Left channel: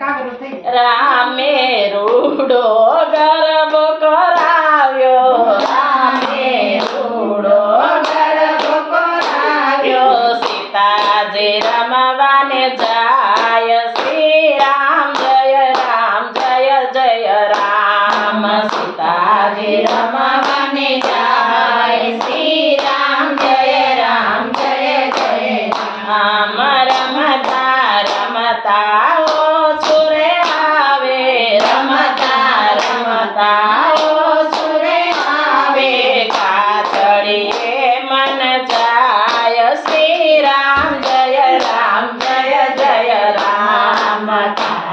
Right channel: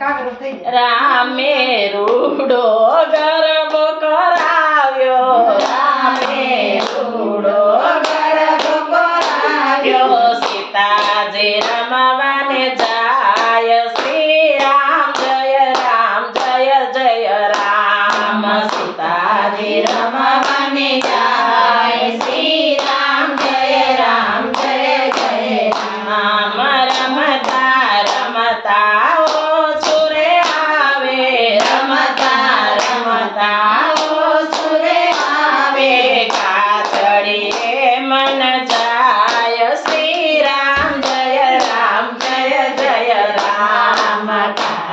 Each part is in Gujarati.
કાગરો થઈ રામે રૂડો ગર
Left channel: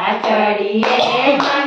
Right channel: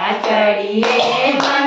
ಮಾಚಡಿಯೇ ಮನ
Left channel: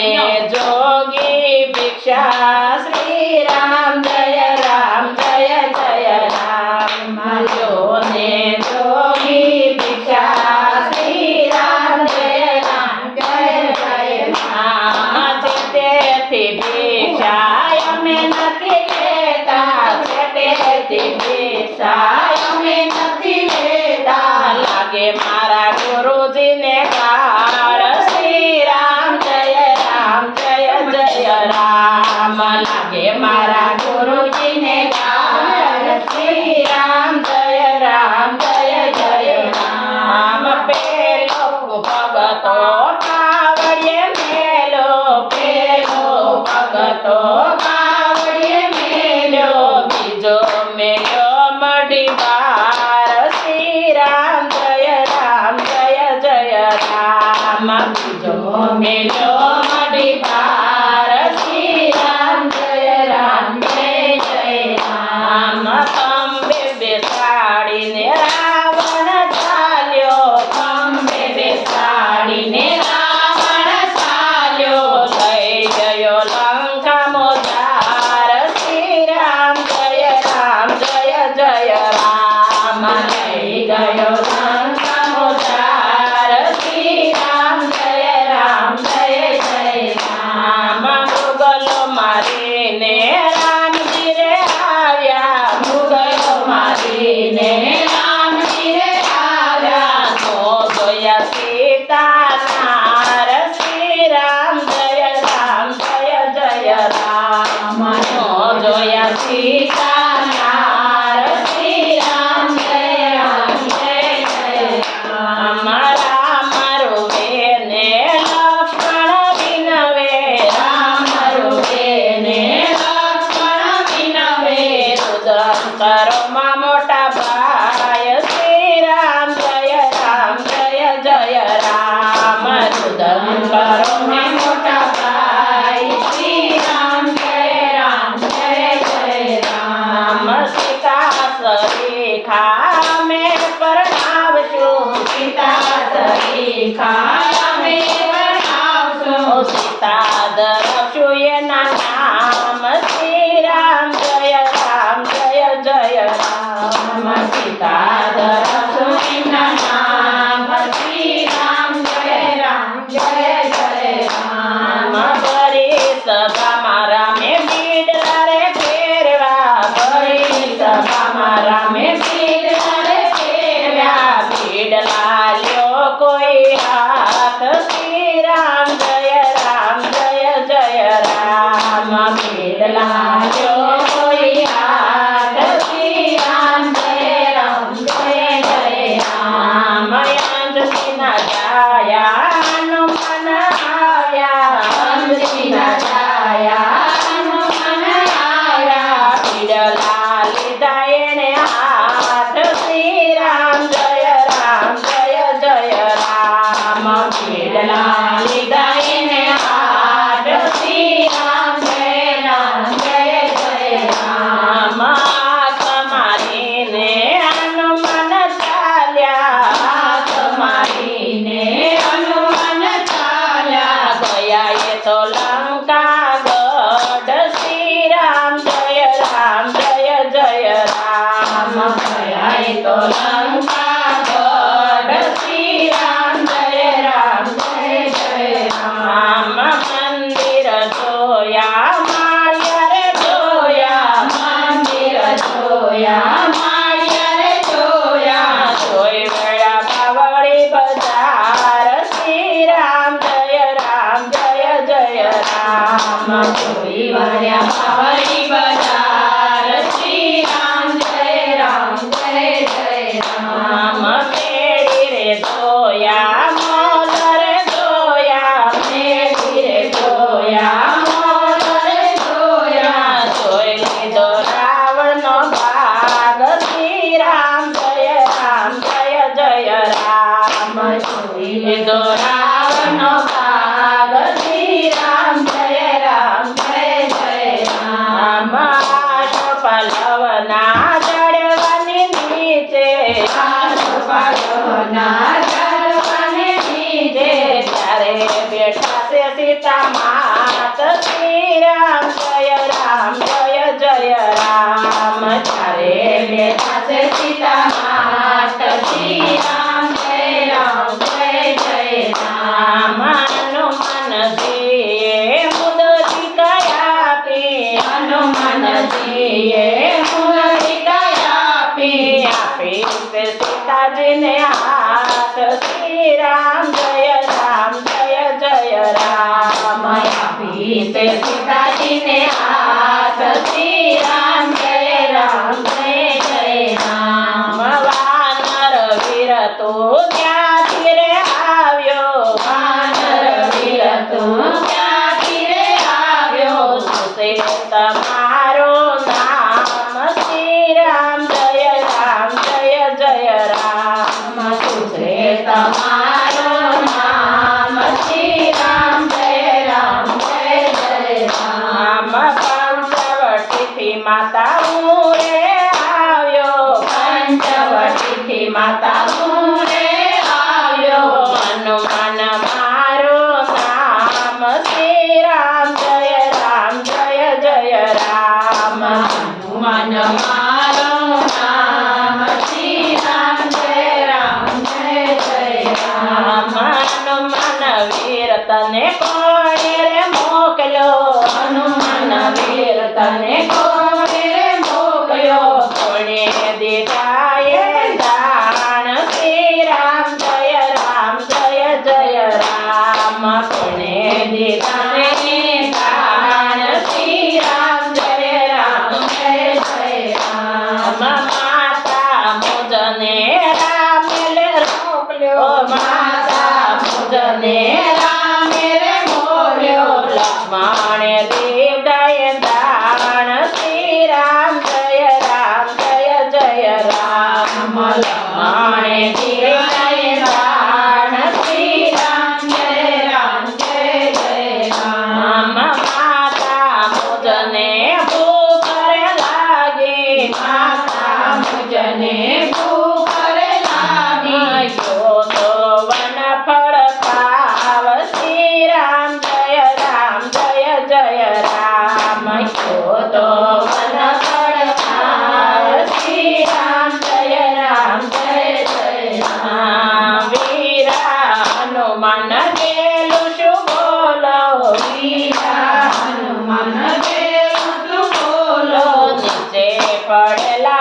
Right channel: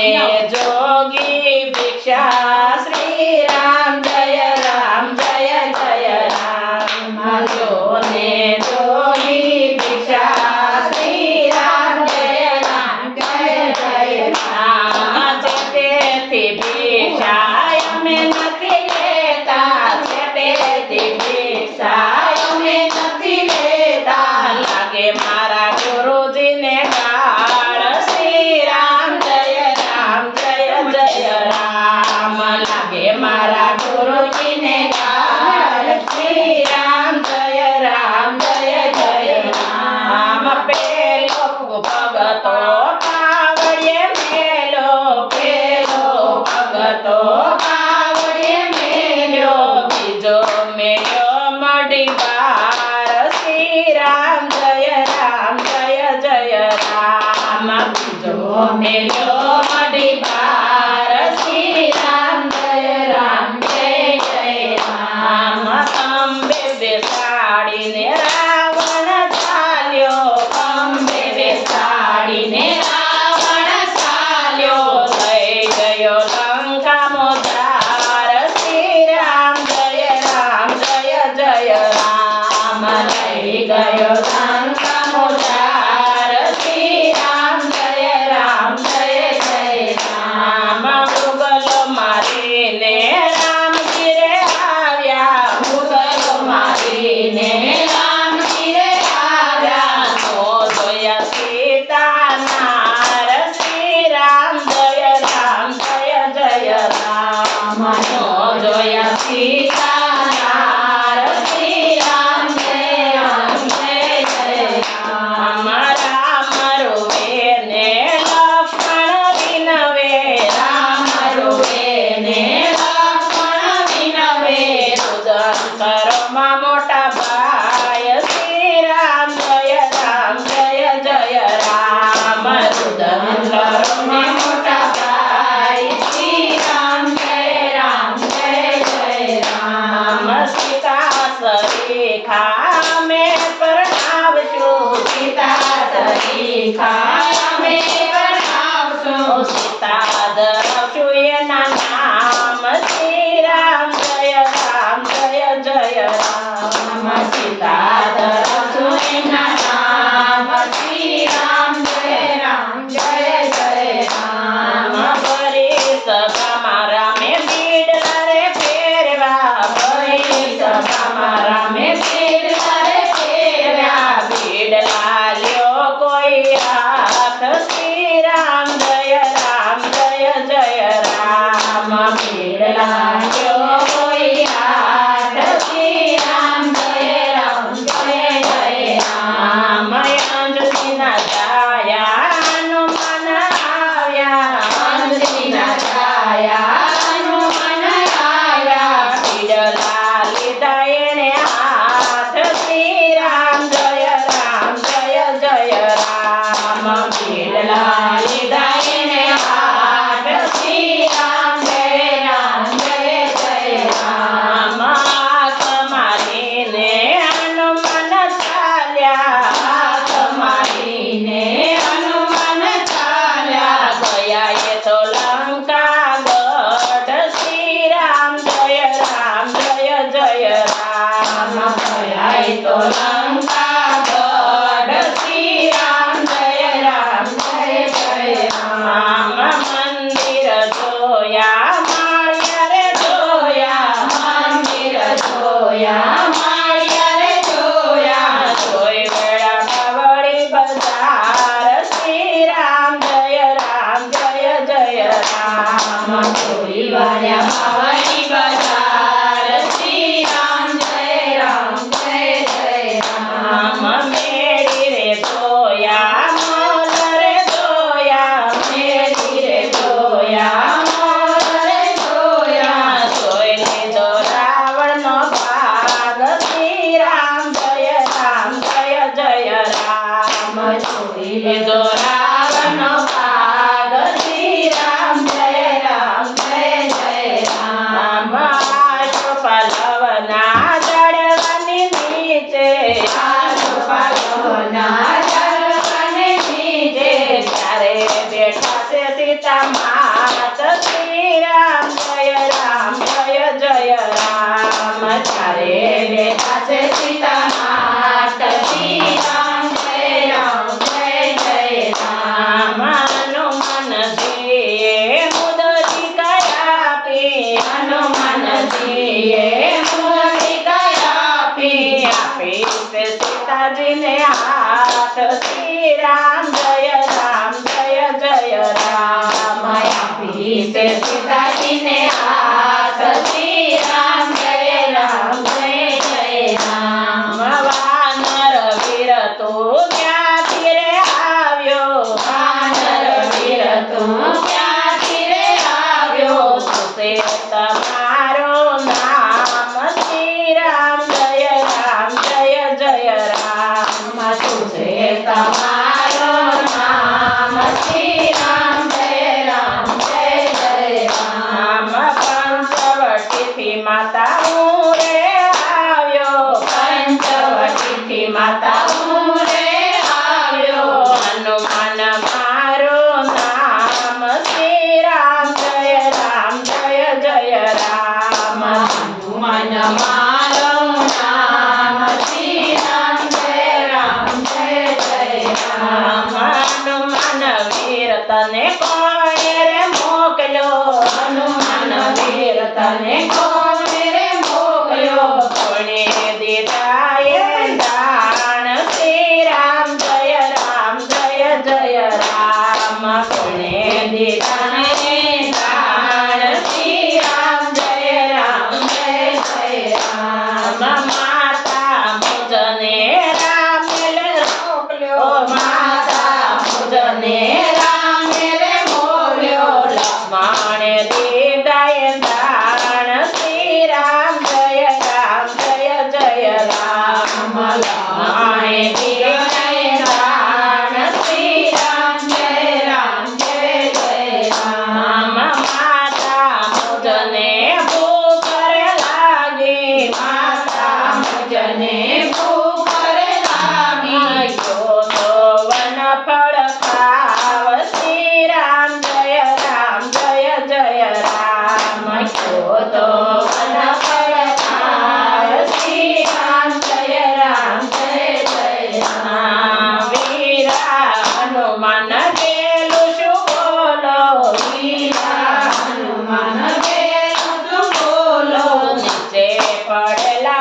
મને જોગી રામ જય રામ, જય જય રામ. મને જોગી ભિક્ષા શ્રી રામ જય રામ, જય જય રામ. તેથી 妈 Yeah. ના દળવાની નીચે. પાંચ પગના તને કોણે રે મોકલ્યો હનુમાન વીર તને કોણે રે મોકલ્યો કોણે દીધા એ દાણ શ્રી રામ જય રામ જય જય રામ કોણે દીધા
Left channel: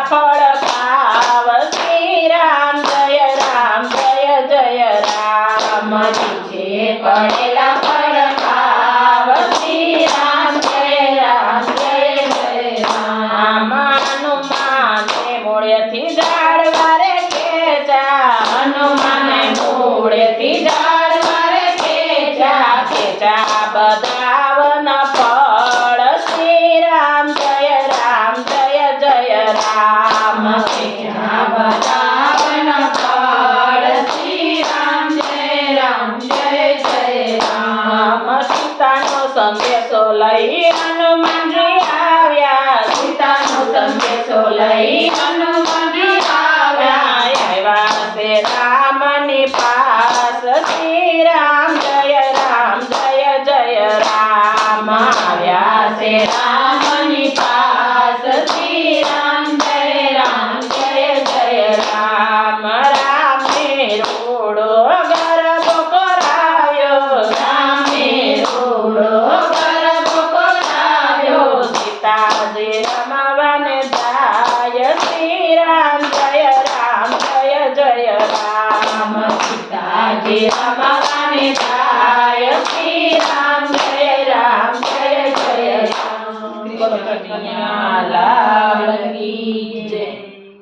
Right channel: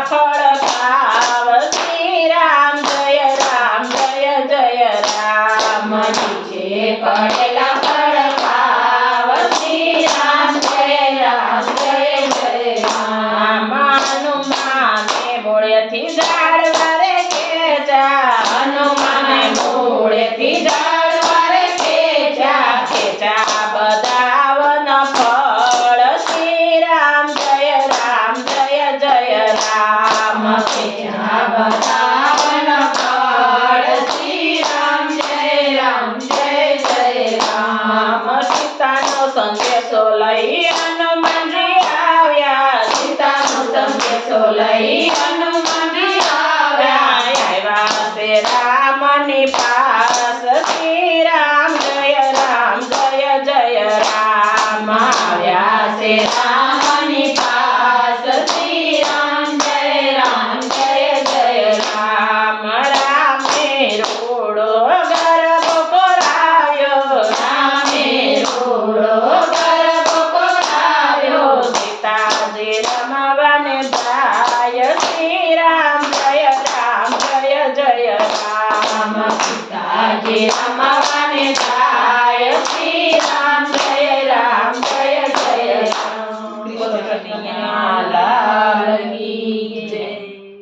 ફળ ખાવ શ્રી રામ, જય રામ, જય જય રામ. જે પડેલા ફળ ખાવ શ્રી રામ, જય રામ, જય જય રામ. હનુમાન મૂળેથી જાળવા રે ખેચા. હનુમાન મૂળેથી જાળવા રે ખેચા ખેચા બધા